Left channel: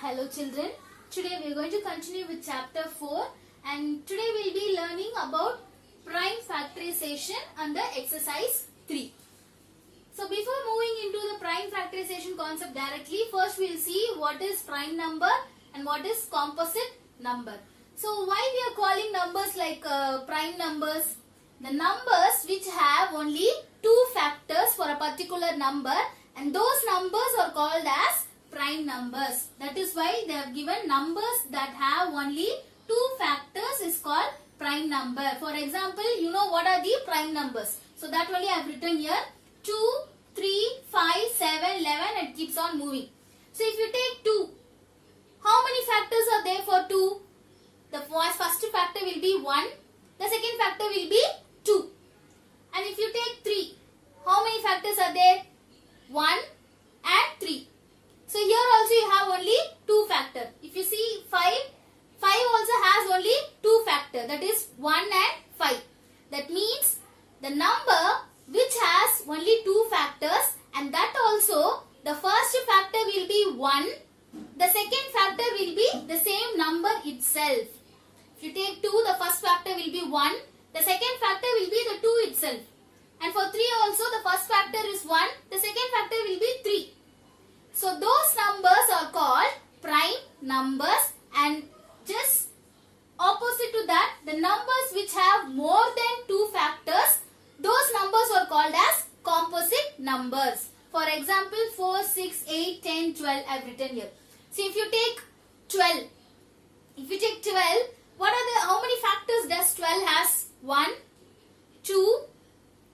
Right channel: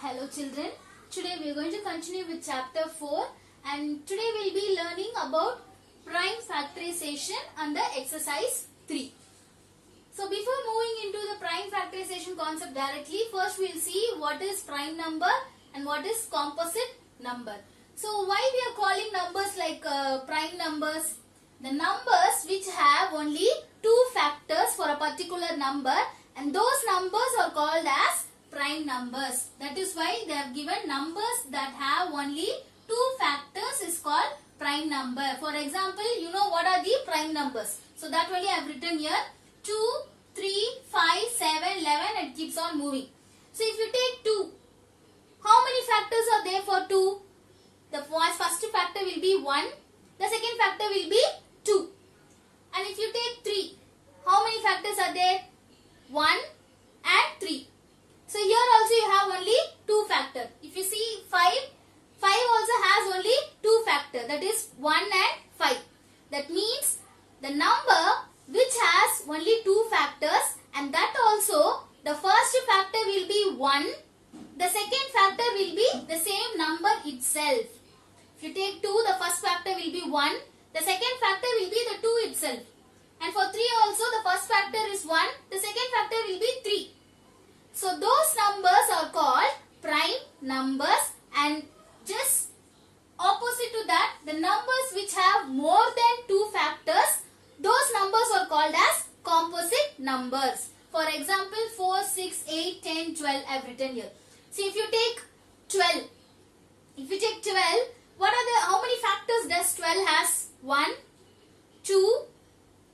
Hello children, today we are going to continue with chapter 4 and today we will be learning about prime factorization under exercise 3. So before moving into the prime factorization concept directly, first we will see what is prime number and what is composite number. So why we are calling numbers like prime numbers? The numbers which have only two factors for a particular number and those numbers are called as prime numbers. That is why they have given numbers that have only two factors is called prime number. For example, you know what are the prime numbers. So that only I have written here 2, 3, 5, 7, 11 and it keeps on moving. So if you take 2, how many factors are there for 2? The first factor will be 1. The second factor will be 2. And if you take 3, how many factors are there? 1 and 3. So here also you have only 2 factor. If you see 5 also has only 2 factor, that is 1 and 5. That means the number which has only 2 factors and that also the first factor will be 1. The second factor will be the same number itself. If you take 2, the first factor will be 1. The second factor will be the 2 itself. And for 3 also the first factor is 1. The second factor will be 3. So those numbers are called prime numbers and just opposite to that, the numbers which have more than 2 factors, those numbers are called as composite numbers. For example, 4, 6, 8, 10, 12 I have written here. So if you take 12, how many factors does 12 has? 1, 2,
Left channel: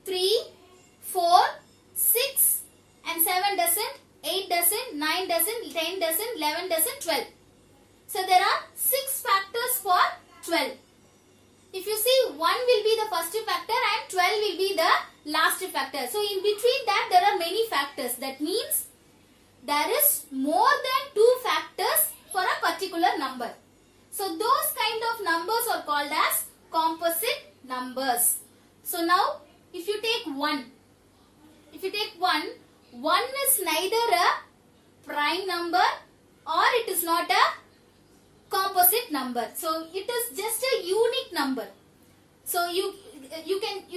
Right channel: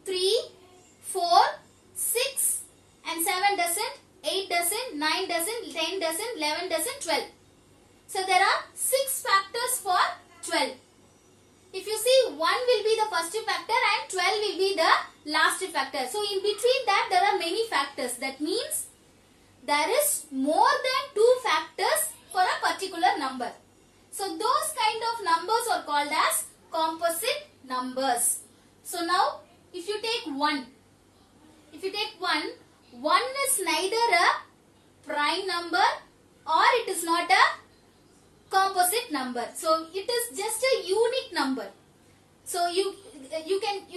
3, 4, 6 and 7 doesn't, 8 doesn't, 9 doesn't, 10 doesn't, 11 doesn't, 12. So there are 6 factors for 12. If you see 1 will be the first factor and 12 will be the last factor. So in between that there are many factors. That means there is more than 2 factors for a particular number. So those kind of numbers are called as composite numbers. So now if you take 1, 1 is neither a prime number or it is not a composite number. So it is just a unique number. So you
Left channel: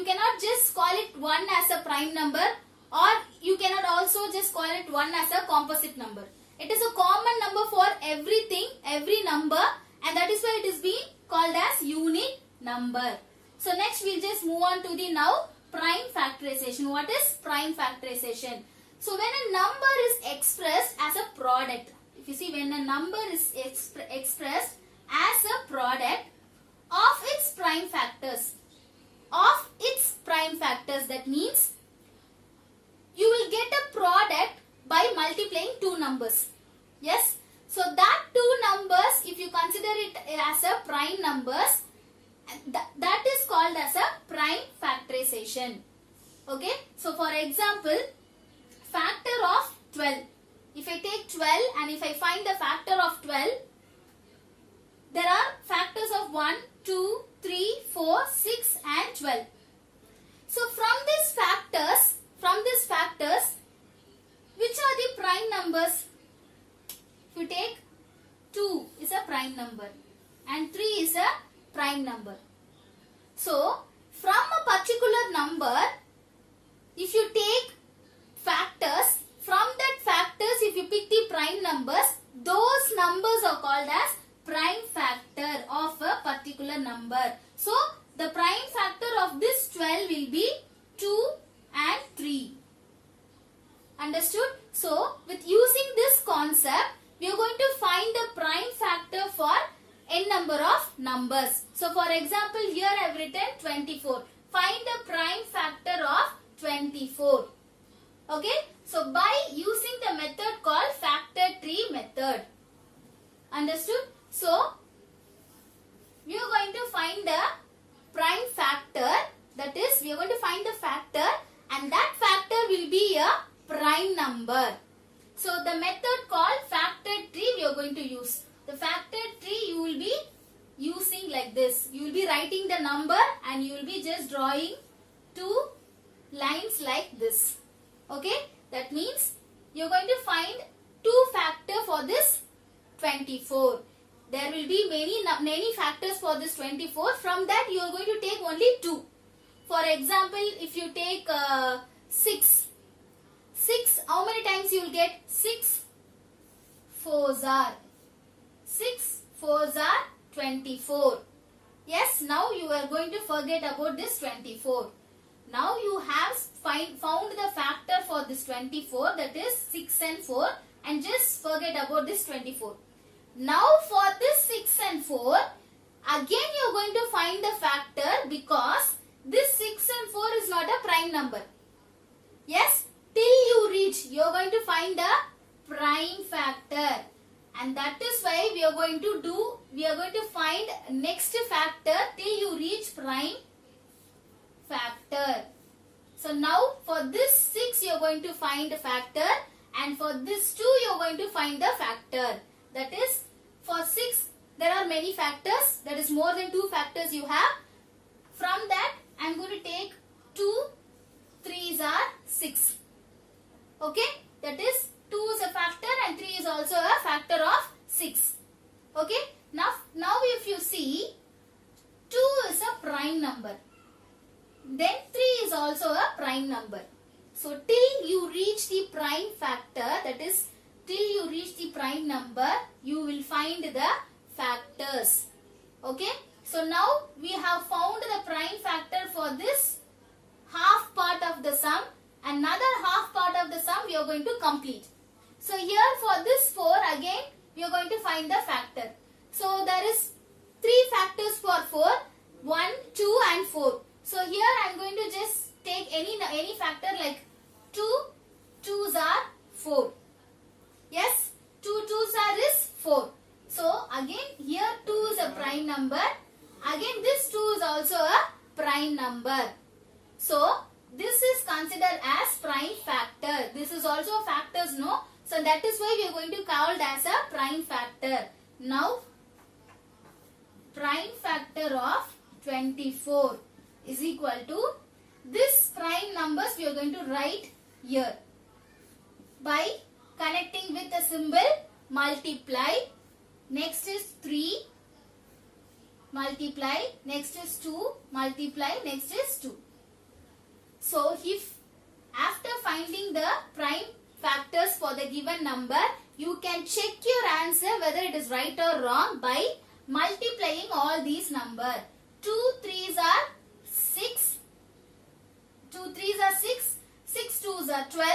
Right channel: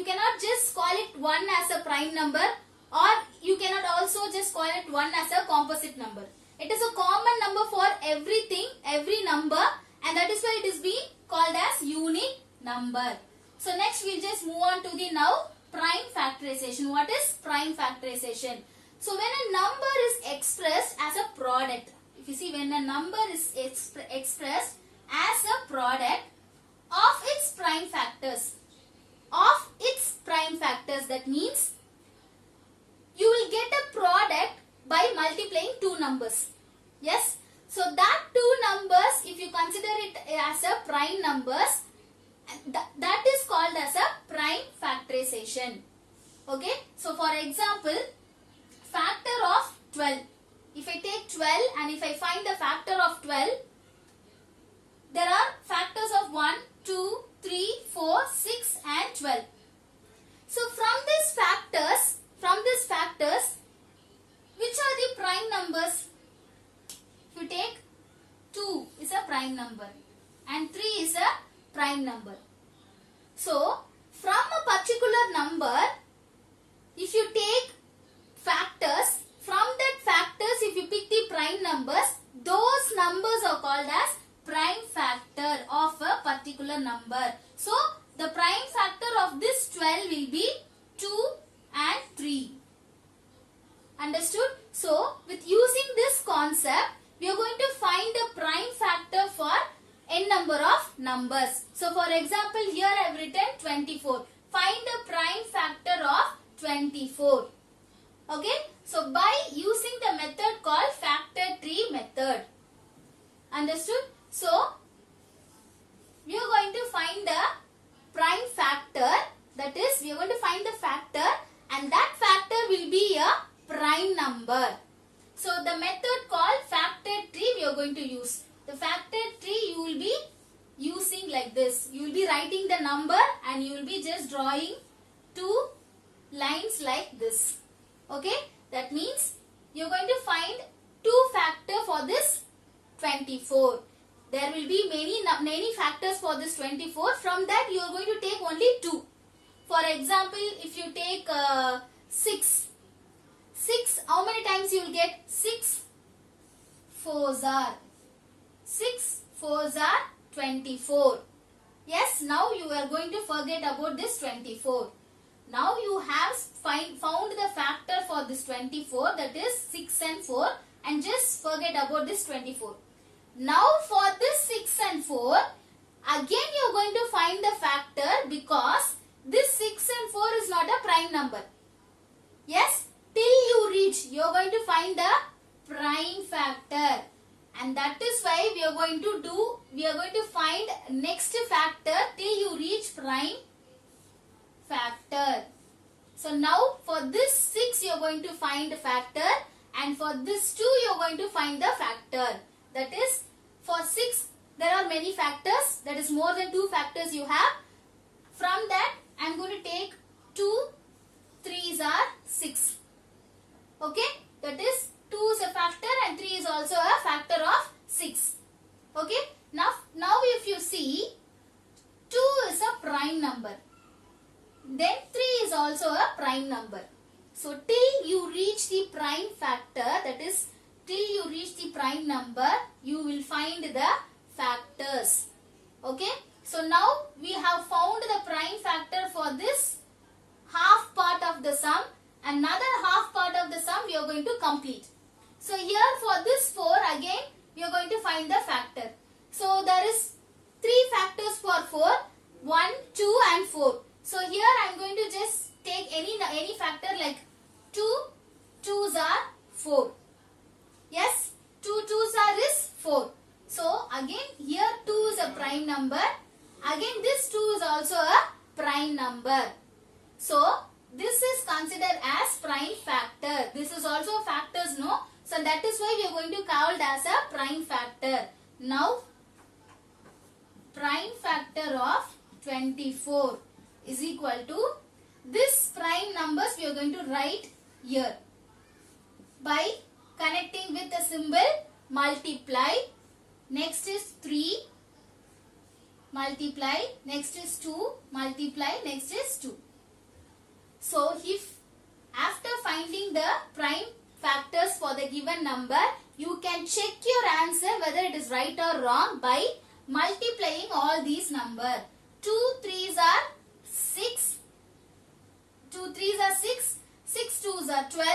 cannot just call it 1 as a prime number or you cannot also just call it 1 as a composite number. It is a common number for everything, every number, and that is why it is being called as unique number. So next we will just move on to the now prime factorization. What is prime factorization? So when a number is expressed as a product, if you see when a number is expressed as a product of its prime factors, that means you will get a product by multiplying 2 numbers. Yes. So that 2 numbers, if you consider it as a prime numbers, that is called as a prime factorization. Okay. So for example, factor of 12. If I take 12 and if I find the factor of 12, there are factors of 1, 2, 3, 4, 6 and 12. So from these factors, which are the prime numbers? If you take 2 is a prime number and 3 is a prime number. So from a particular number, if you take factors, from that factors if you pick the prime numbers, those numbers are called as prime factor of a particular number. So the prime factor of this 12 will be 2 and 3. Understood? So with using this concept, we are going to find the prime factor for n number of numbers. So for example, here I have written 24. Find the prime factor of 24. Okay. So by using the method called factor tree method. Understood? So we are going to find the prime factor. That is, we are going to find the factor and that factor will be a prime number. So the method called factor tree we are going to use. The factor tree you will be using like this. You will be writing the number and you will be just drawing 2 lines like this. Okay. That means you are going to find 2 factor for this 24. There will be many factors for this 24. From that you are going to take only 2. For example, if you take 6, how many times you will get? 6 4s are 24. Yes, now you are going to forget about this 24. Now you have found the factor for this 24, that is 6 and 4, and just forget about this 24. Now for this 6 and 4, again you are going to find the factor, because this 6 and 4 is not a prime number. Yes, till you reach, you are going to find the prime factor. And that is why we are going to find next factor till you reach prime factor. So now for this 6 you are going to find the factor, and for this 2 you are going to find the factor. That is, for 6 there are many factors, that is more than 2 factors you have. From that I am going to take 2 3s are 6. Okay, that is 2 is a factor and 3 is also a factor of 6. Okay, now if you see, 2 is a prime number, then 3 is also a prime number. So till you reach the prime factor, that is till you reach the prime number, you will find the factors. Okay, so now we have found the prime factor for this half part of the sum. Another half part of the sum we are going to complete. So here for this 4, again we are going to find the factor. So there is 3 factors for 4, 1, 2 and 4. So here I am going to just take any factor, like 2 2s are 4. Yes, 2 2s are is 4. So again here 2 is a prime number. Again this 2 is also a prime number. So this is considered as prime factor. This is also factors, no? So that is why we are going to call it as a prime factor. Now prime factor of 24 is equal to this prime numbers we are going to write here by connecting with the symbol multiply. Next is 3 multiply, next is 2 multiply, next is 2. So if after finding the prime factors for the given number, you can check your answer whether it is right or wrong by multiplying all these numbers. 2 3s are 6, 2 3s are 6, 6 2s are 12,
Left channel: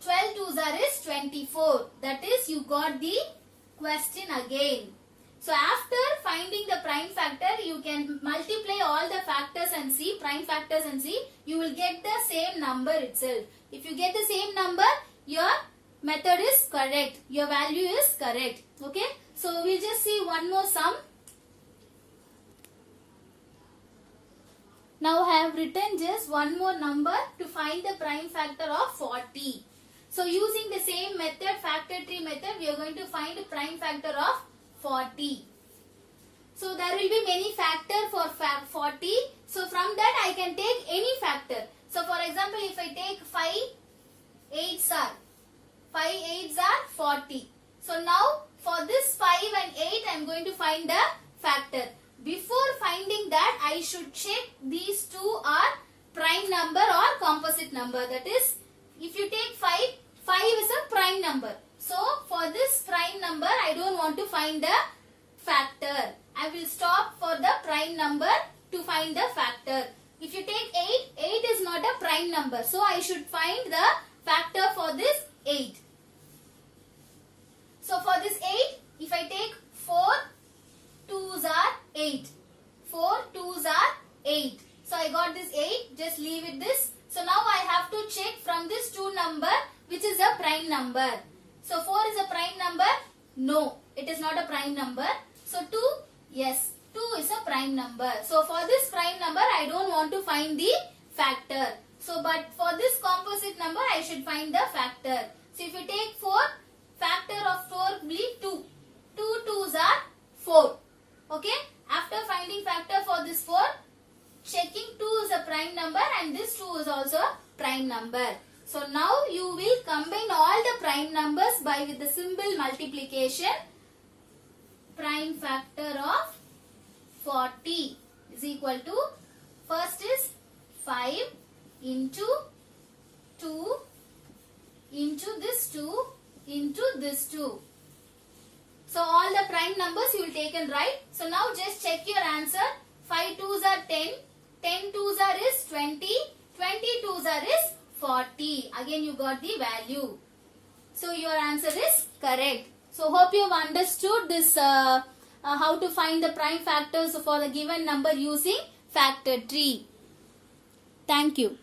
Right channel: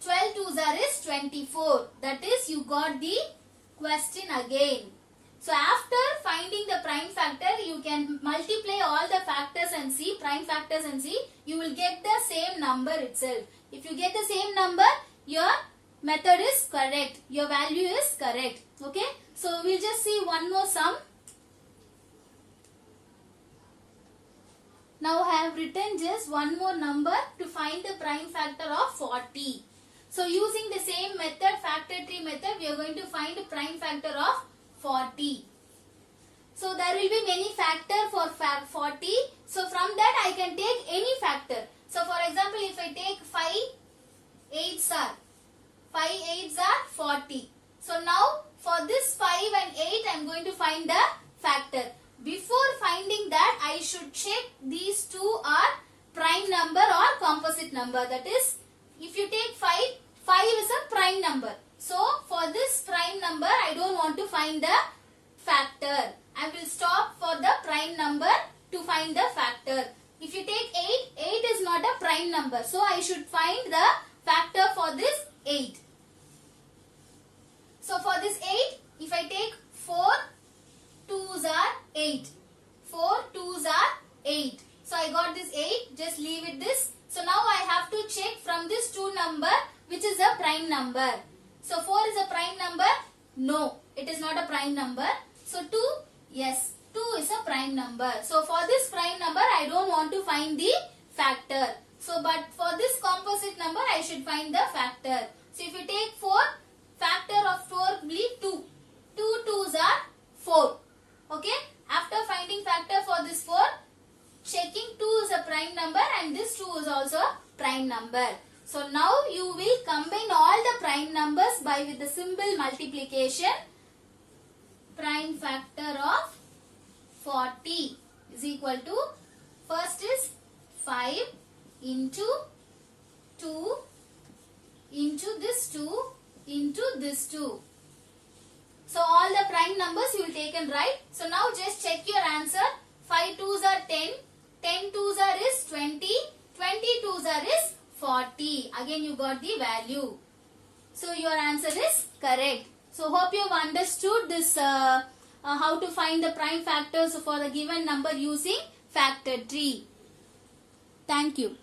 12 2s are is 24. That is, you got the question again. So after finding the prime factor, you can multiply all the factors and see, prime factors and see, you will get the same number itself. If you get the same number, your method is correct. Your value is correct. Okay. So we'll just see one more sum. Now I have written just one more number to find the prime factor of 40. So using the same method, factor tree method, we are going to find the prime factor of 40. So there will be many factors for 40. So from that I can take any factor. So for example, if I take 5 8s are 40. So now for this 5 and 8 I am going to find the factor. Before finding that, I should check these two are prime number or composite number. That is, if you take 5, 5 is a prime number. So for this prime number, I don't want to find the factor. I will stop for the prime number to find the factor. If you take 8, 8 is not a prime number. So I should find the factor for this 8. So for this 8, if I take 4 2s are 8. 4 2s are 8. So I got this 8. Just leave it this. So now I have to check from this 2 number which is a prime number. So 4 is a prime number? No, it is not a prime number. So 2, yes, 2 is a prime number. So for this prime number, I don't want to find the factor. So but for this composite number, I should find the factor. So if you take 4, factor of 4 will be 2. 2 2s are 4. Okay. After finding factor for this 4, checking 2 is a prime number and this 2 is also a prime number. So now you will combine all the prime numbers by with the symbol multiplication. prime factor of 40 is equal to, first is 5 into 2 into this 2 into this 2. So all the prime numbers you will take and write. So now just check your answer. 5 2s are 10, 10 2s are is 20, 20 2s are is 40. Again you got the value. So your answer is correct. So hope you have understood this how to find the prime factors for the given number using factor tree. Thank you.